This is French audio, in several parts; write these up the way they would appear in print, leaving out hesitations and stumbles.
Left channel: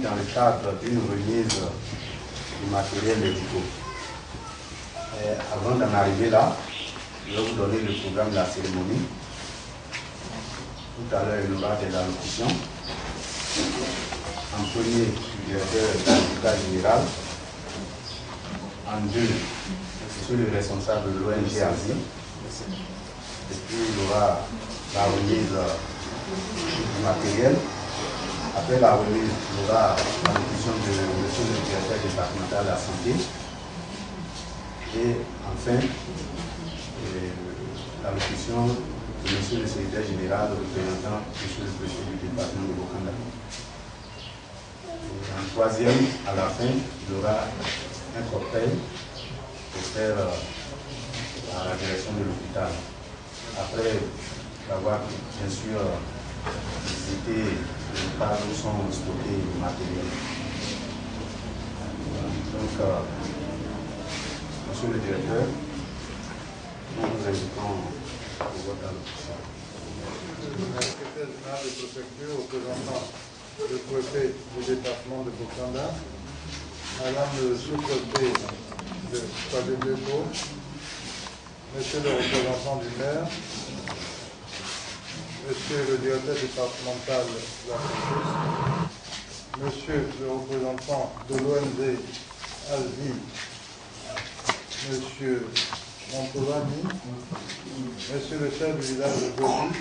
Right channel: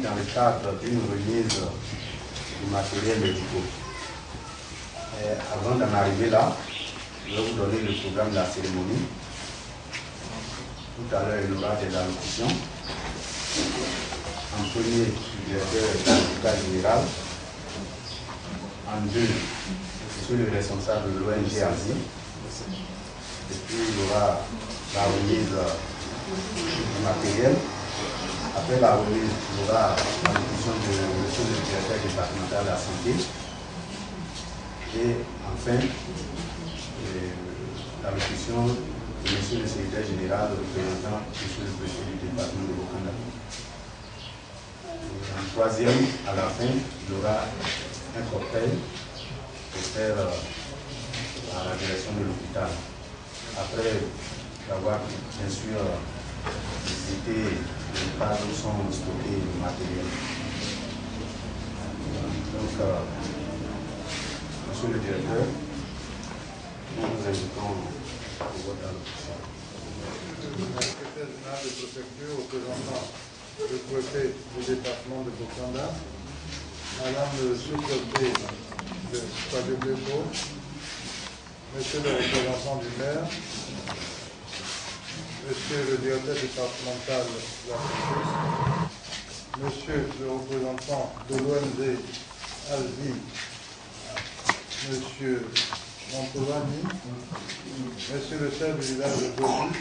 Dans le cadre d'une remise du matériel médical. Avant d'en arriver là, je vais vous donner le programme de la cérémonie. Tout à l'heure, il y aura des allocutions. En premier, le directeur de l'hôpital général. En deux, je suis le responsable de l'ONG Asie. Et puis, il y aura la remise du matériel. Après la remise, il y aura l'allocution de monsieur le directeur départemental de la santé. Et enfin, l'allocution de monsieur le secrétaire général représentant monsieur le préfet du département de Bokanda. En troisième, à la fin, il y aura un cocktail pour faire à la direction de l'hôpital. Après avoir bien sûr visité les pas où sont stockés les matériels. Donc, monsieur le directeur, nous vous invitons pour votre allocution. Le secrétaire général de préfecture représentant le préfet du département de Bokanda, madame le sous-préfet de Kwadebeko, monsieur le représentant du maire, monsieur le directeur départemental de la santé, monsieur le représentant de l'ONG Asie, monsieur Montovani, monsieur le chef du village de Goli,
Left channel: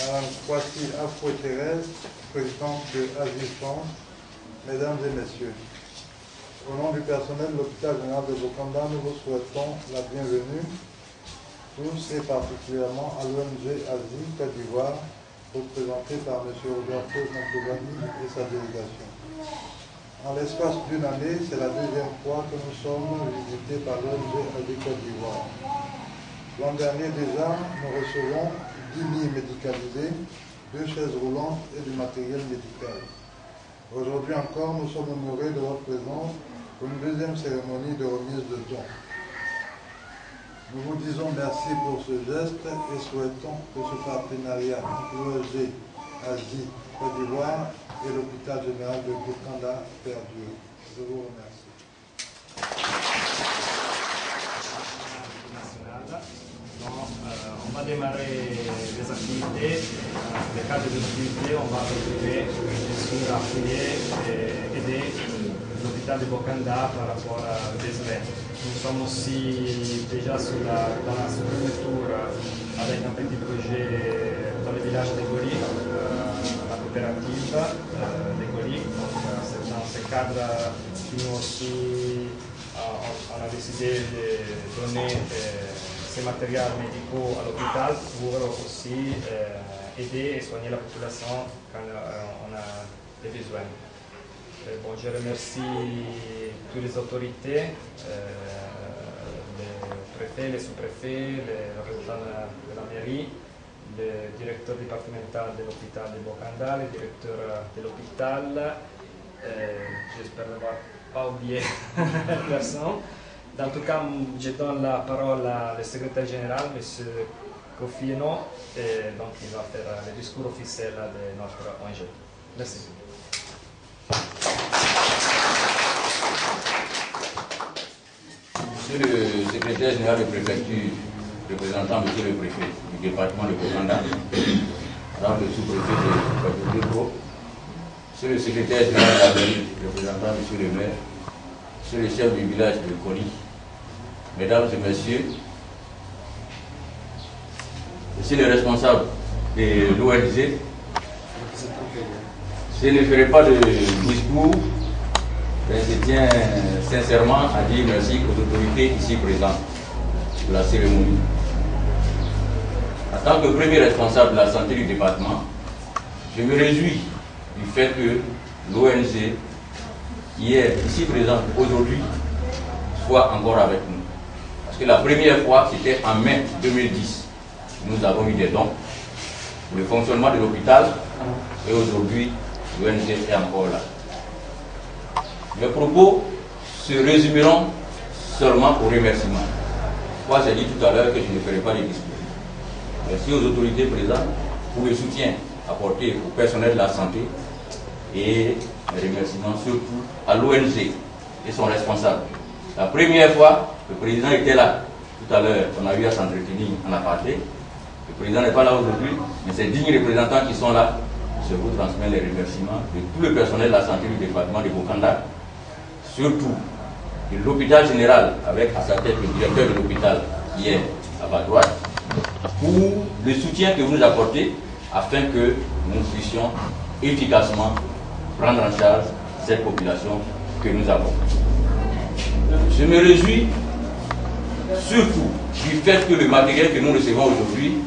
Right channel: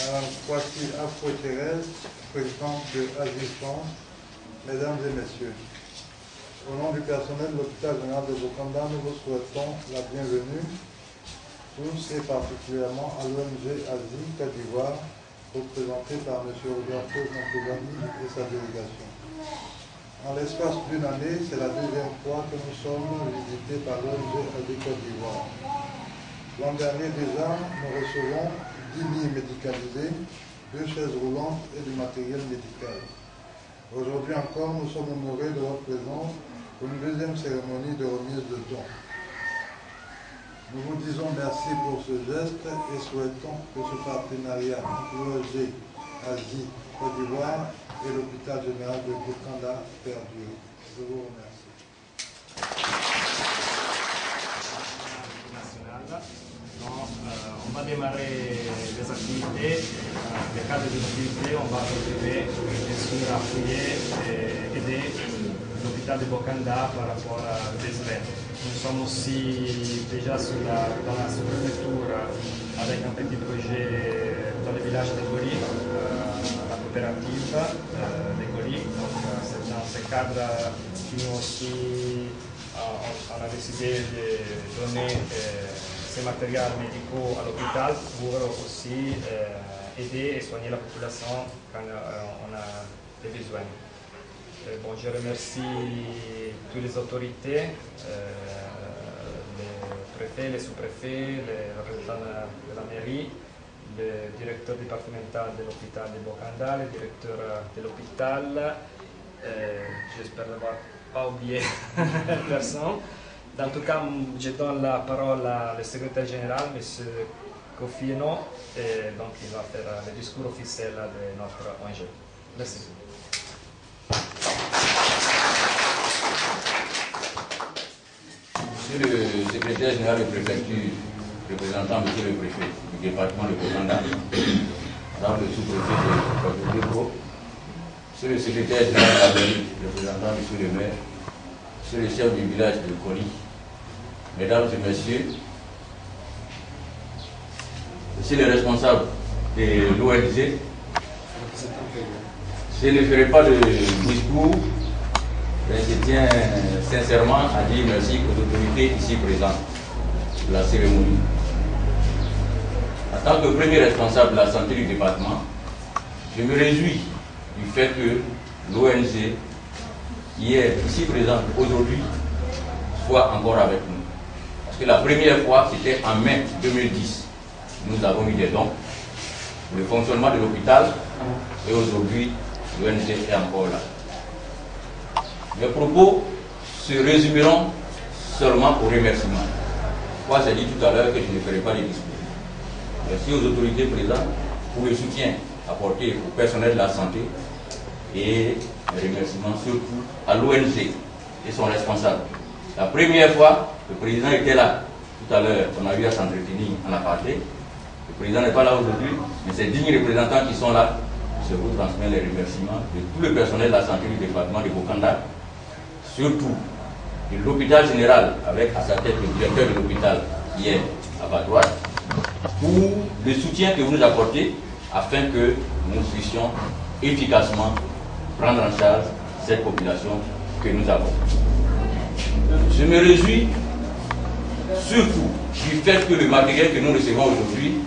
madame Kwasi Afro-Thérèse, présidente de Asie France, mesdames et messieurs. Au nom du personnel de l'hôpital général de Bokanda, nous vous souhaitons la bienvenue, tous et particulièrement à l'ONG Asie Côte d'Ivoire, représentée par M. Roberto Montovani et sa délégation. En l'espace d'une année, c'est la deuxième fois que nous sommes visités par l'ONG Asie Côte d'Ivoire. L'an dernier déjà, nous recevons 10 lits médicalisés, 2 chaises roulantes et du matériel médical. Aujourd'hui encore, nous sommes honorés de votre présence pour une deuxième cérémonie de remise de dons. Nous vous disons merci pour ce geste et souhaitons que ce partenariat entre l'ONG Asie Côte d'Ivoire et l'hôpital général de Bokanda perdure. Je vous remercie. On va démarrer les activités. Dans le cadre des activités, on va retrouver bien sûr appuyer et aider l'hôpital de Bokanda par rapport à des élèves. Nous sommes aussi déjà dans la sous-préfecture avec un petit projet dans le village de Goli, la coopérative de Goli. Donc c'est dans ce cadre que nous aussi on a décidé de donner ces matériels médicaux à l'hôpital pour aussi aider et soigner la population quand on a des besoins. Bon, je remercie toutes les autorités, les préfets, les sous-préfets, les représentants de la mairie, le directeur départemental de l'hôpital de Bokanda, le directeur de l'hôpital, j'espère n'avoir pas oublié personne, En tout cas, je donne la parole au secrétaire général, M. Kofi Eno, et donc il va faire le discours officiel de notre ONG. Merci. Monsieur le secrétaire général de préfecture, représentant monsieur le préfet du département de Bokanda, madame le sous-préfet de Bokanda, monsieur le secrétaire général de la mairie, représentant monsieur le maire, monsieur le chef du village de Koli, mesdames et messieurs, monsieur le responsable de l'ONG, je ne ferai pas de discours, mais je tiens sincèrement à dire merci aux autorités ici présentes pour la cérémonie. En tant que premier responsable de la santé du département, je me réjouis du fait que l'ONG, qui est ici présente aujourd'hui, soit encore avec nous. Parce que la première fois, c'était en mai 2010. Nous avons eu des dons pour le fonctionnement de l'hôpital et aujourd'hui, l'ONG est encore là. Mes propos se résumeront seulement aux remerciements. Moi, j'ai dit tout à l'heure que je ne ferai pas les discours. Merci aux autorités présentes pour le soutien apporté au personnel de la santé et mes remerciements surtout à l'ONG et son responsable. La première fois, le président était là. Tout à l'heure, on a eu à s'entretenir, on a parlé. Le président n'est pas là aujourd'hui, mais ces dignes représentants qui sont là, je vous transmets les remerciements de tout le personnel de la santé du département de Bokanda, surtout de l'hôpital général, avec à sa tête le directeur de l'hôpital qui est à ma droite, pour le soutien que vous nous apportez afin que nous puissions efficacement prendre en charge cette population que nous avons. Je me réjouis surtout du fait que le matériel que nous recevons aujourd'hui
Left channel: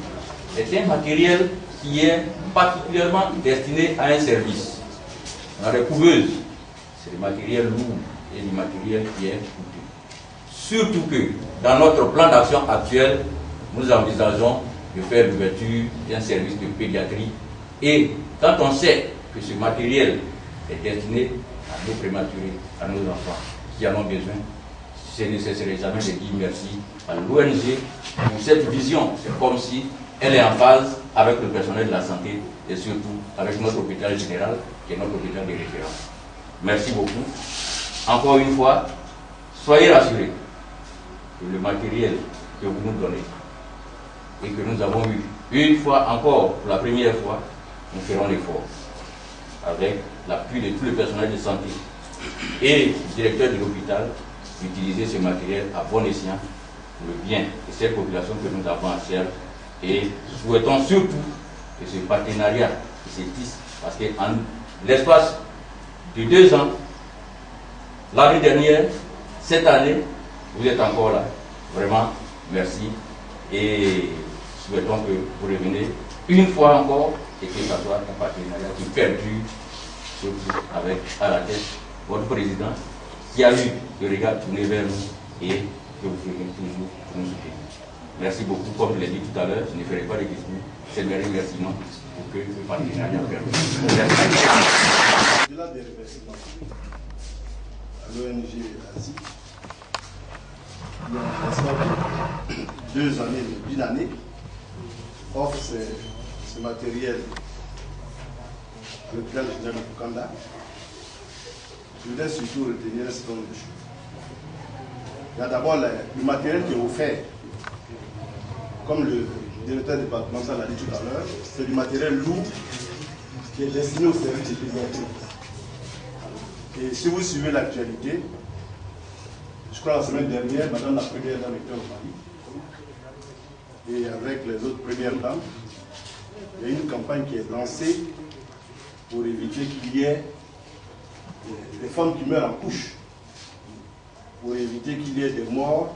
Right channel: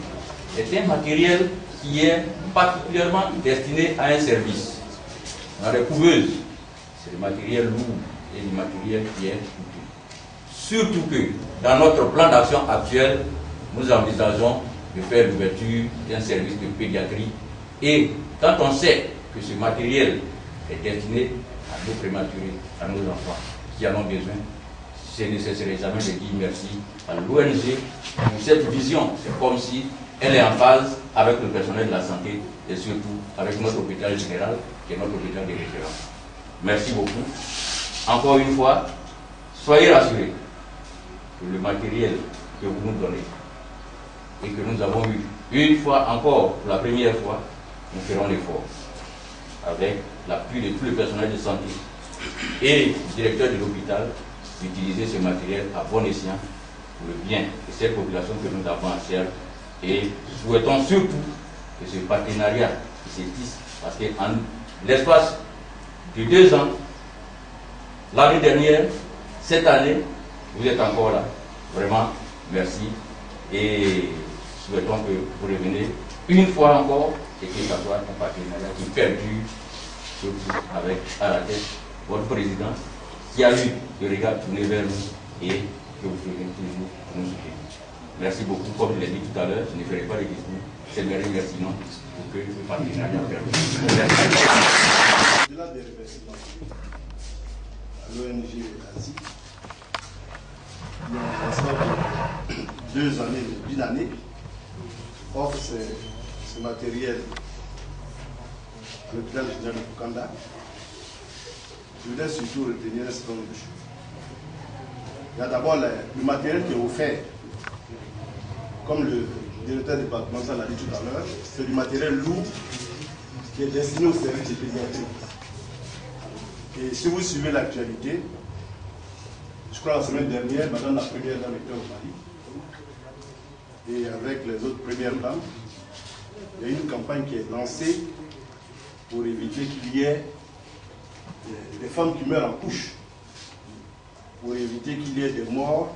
est un matériel qui est particulièrement destiné à un service. On a des couveuses, c'est du matériel lourd et du matériel qui est coûteux. Surtout que dans notre plan d'action actuel, nous envisageons de faire l'ouverture d'un service de pédiatrie. Et quand on sait que ce matériel est destiné à nos prématurés, à nos enfants qui en ont besoin, je ne cesserai jamais de dire merci à l'ONG pour cette vision. C'est comme si elle est en phase avec le personnel de la santé et surtout avec notre hôpital général qui est notre hôpital de référence. Merci beaucoup. Encore une fois, soyez rassurés que le matériel que vous nous donnez et que nous avons eu une fois encore, pour la première fois, nous ferons l'effort avec l'appui de tout le personnel de santé et du directeur de l'hôpital d'utiliser ce matériel à bon escient pour le bien de cette population que nous avons à servir. Et souhaitons surtout que ce partenariat se tisse, parce qu'en l'espace de 2 ans, l'année dernière, cette année, vous êtes encore là. Vraiment, merci. Et souhaitons que vous reveniez une fois encore et que ce soit un partenariat qui perdure, surtout avec à la tête votre président qui a eu le regard tourné vers nous et que vous revenez toujours pour nous soutenir. Merci beaucoup. Comme je l'ai dit tout à l'heure, je ne ferai pas de discours. C'est mes remerciements pour que le partenariat perdure. Au-delà des remerciements à l'ONG Asie, il y a un lancement de 2 années, d'une année, offre ce matériel à l'hôpital général de Bokanda. Je voudrais surtout retenir un certain nombre de choses. Il y a d'abord le matériel qui est offert, comme le directeur départemental l'a dit tout à l'heure, c'est du matériel lourd qui est destiné au service de pédiatrie. Et si vous suivez l'actualité, je crois la semaine dernière, madame la première dame était au Mali, et avec les autres premières dames, il y a une campagne qui est lancée pour éviter qu'il y ait des femmes qui meurent en couche, pour éviter qu'il y ait des morts,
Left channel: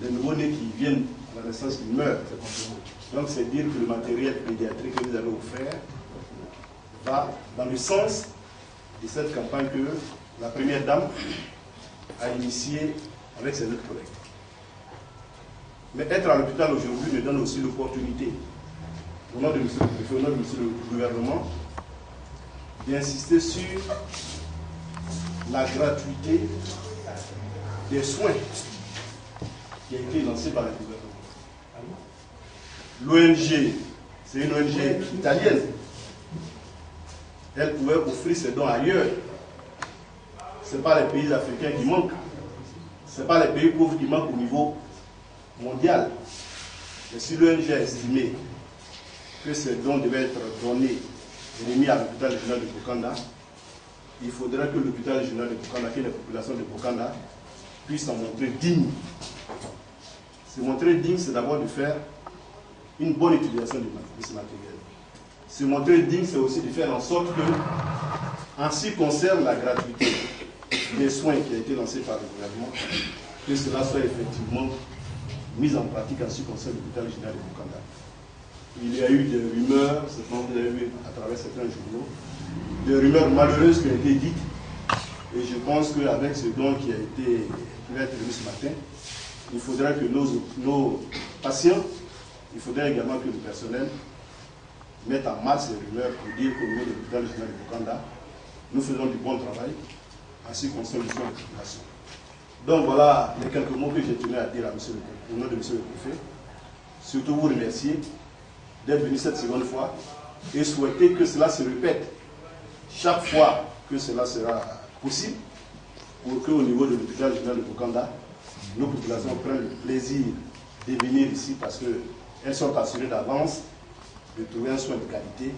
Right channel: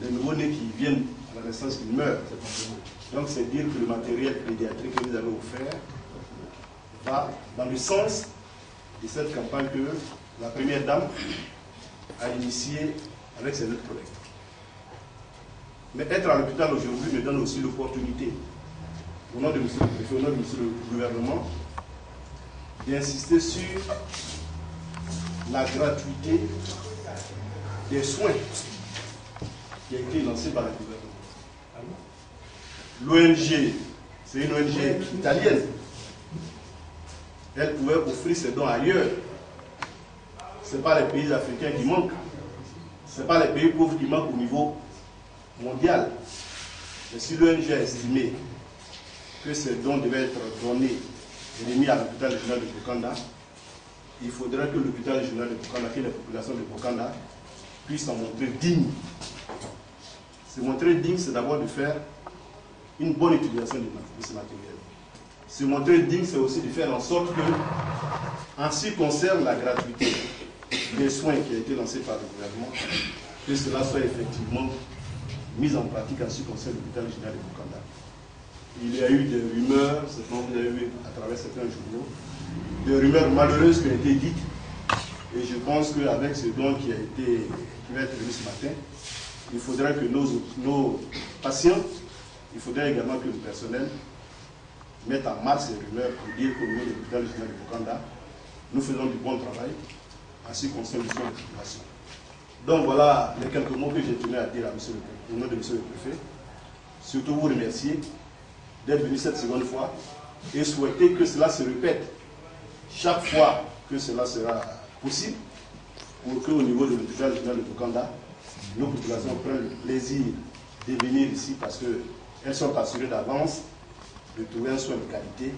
des nouveaux-nés qui viennent à la naissance qui meurent. Donc c'est dire que le matériel pédiatrique que vous avez offert va dans le sens de cette campagne que la première dame a initiée avec ses autres collègues. Mais être à l'hôpital aujourd'hui me donne aussi l'opportunité, au nom de M. le préfet, au nom de M. le gouvernement, d'insister sur la gratuité des soins qui a été lancé par le gouvernement. L'ONG, c'est une ONG italienne. Elle pouvait offrir ses dons ailleurs. Ce n'est pas les pays africains qui manquent. Ce n'est pas les pays pauvres qui manquent au niveau mondial. Et si l'ONG a estimé que ces dons devaient être donnés et remis à l'hôpital régional de Bokanda, il faudrait que l'hôpital régional de Bokanda, que les populations de Bokanda puissent s'en montrer dignes. Se montrer digne, c'est d'abord de faire une bonne utilisation de ce matériel. Se montrer digne, c'est aussi de faire en sorte que, en ce qui concerne la gratuité des soins qui a été lancé par le gouvernement, que cela soit effectivement mis en pratique en ce qui concerne l'hôpital régional de Bokanda. Il y a eu des rumeurs, vous avez vu à travers certains journaux, des rumeurs malheureuses qui ont été dites. Et je pense qu'avec ce don qui va être remis ce matin, il faudrait que nos patients, il faudrait également que le personnel mette en marche ces rumeurs pour dire qu'au niveau de l'hôpital régional de Bokanda, nous faisons du bon travail en ce qui concerne les soins de la population. Donc voilà les quelques mots que j'ai tenu à dire au nom de M. le Préfet. Surtout vous remercier d'être venu cette seconde fois et souhaiter que cela se répète chaque fois que cela sera possible pour qu'au niveau de l'hôpital régional de Bokanda, nos populations prennent le plaisir de venir ici parce qu'elles sont assurées d'avance de trouver un soin de qualité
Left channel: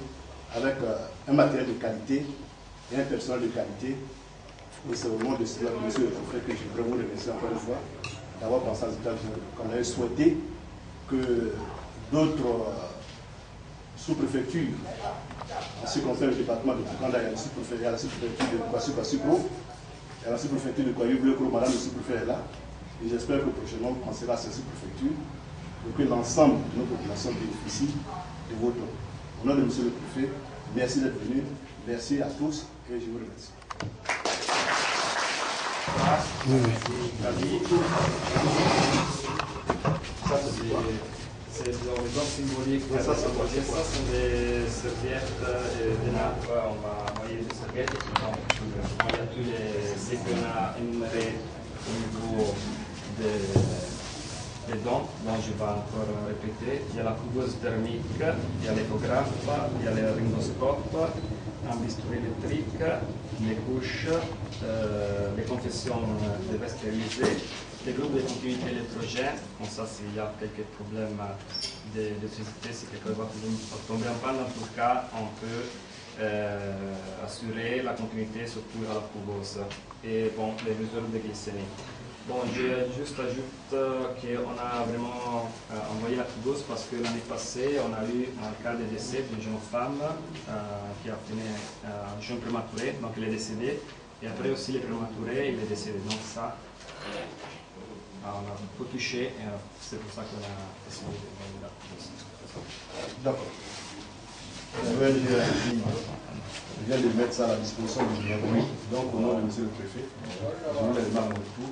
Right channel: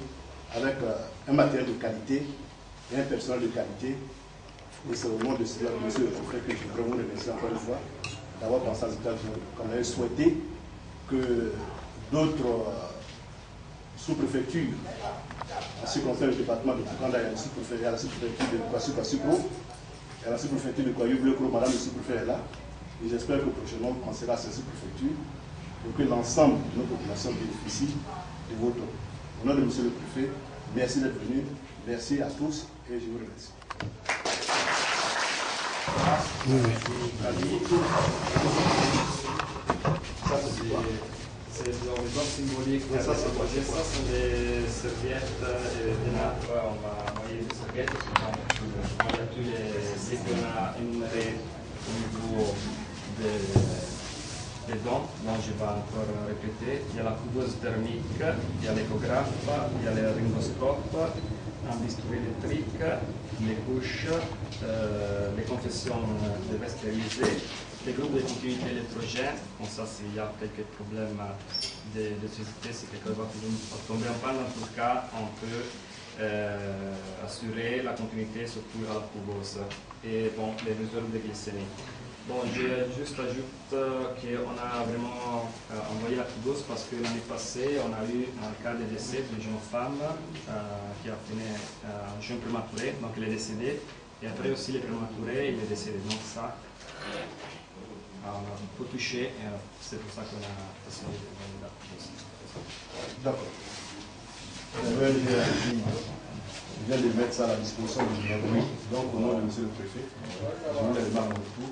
avec un matériel de qualité et un personnel de qualité. Et c'est au nom de cela, monsieur le Préfet, que je voudrais vous remercier encore une fois d'avoir pensé à l'hôpital régional de Bokanda et souhaiter que d'autres sous-préfectures, en ce qui concerne le département de Bokanda, il y a la sous-préfecture de Kwasupro, il y a la sous-préfecture de Kwayu-Blekro, madame le sous-préfet est là, et j'espère que prochainement vous pensez à ces sous-préfectures pour que l'ensemble de nos populations bénéficient de vos dons. Au nom de monsieur le Préfet, merci d'être venu, merci à tous et je vous remercie. C'est des dons symboliques. Ça, sont des serviettes de nappe. On va envoyer des serviettes. Il y a tous les qu'on a énumérés au niveau des dons, dont je vais encore répéter. Il y a la couveuse thermique, il y a l'échographe, il y a le rimboscope, un bistouri électrique, les couches, les confessions de vestes stérilisées, les groupes de continuité électrogène. Comme ça, s'il y a quelques problèmes d'électricité, si quelqu'un va tomber en panne, en tout cas, on peut assurer la continuité, surtout à la couveuse. Et bon, les mesures de glycémie. Bon, je juste ajoute qu'on a vraiment envoyé la couveuse parce que l'année passée, on a eu un cas de décès d'une jeune femme qui a fini un jeune prématuré, donc elle est décédée. Et après aussi, les prématurés, il est décédé. Donc ça, on a beaucoup touché, et c'est pour ça qu'on a décidé de la couveuse. D'accord. Je viens de mettre ça à la disposition du gouvernement. Donc, au nom de M. le Préfet, je vous les demande en retour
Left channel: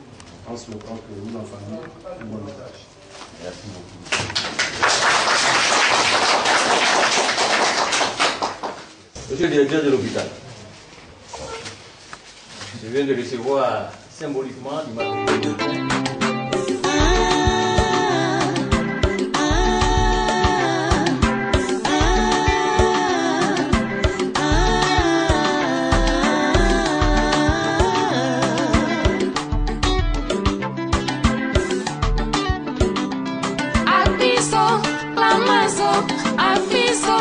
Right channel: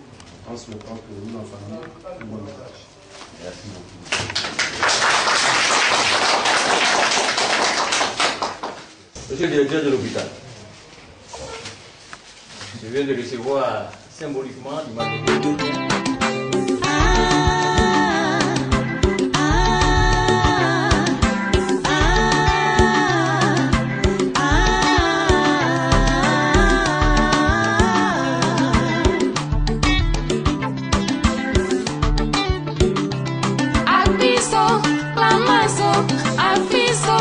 en souhaitant que vous en fassiez un bon usage. Merci beaucoup. Monsieur le directeur de l'hôpital, je viens de recevoir symboliquement du matériel. Aviso,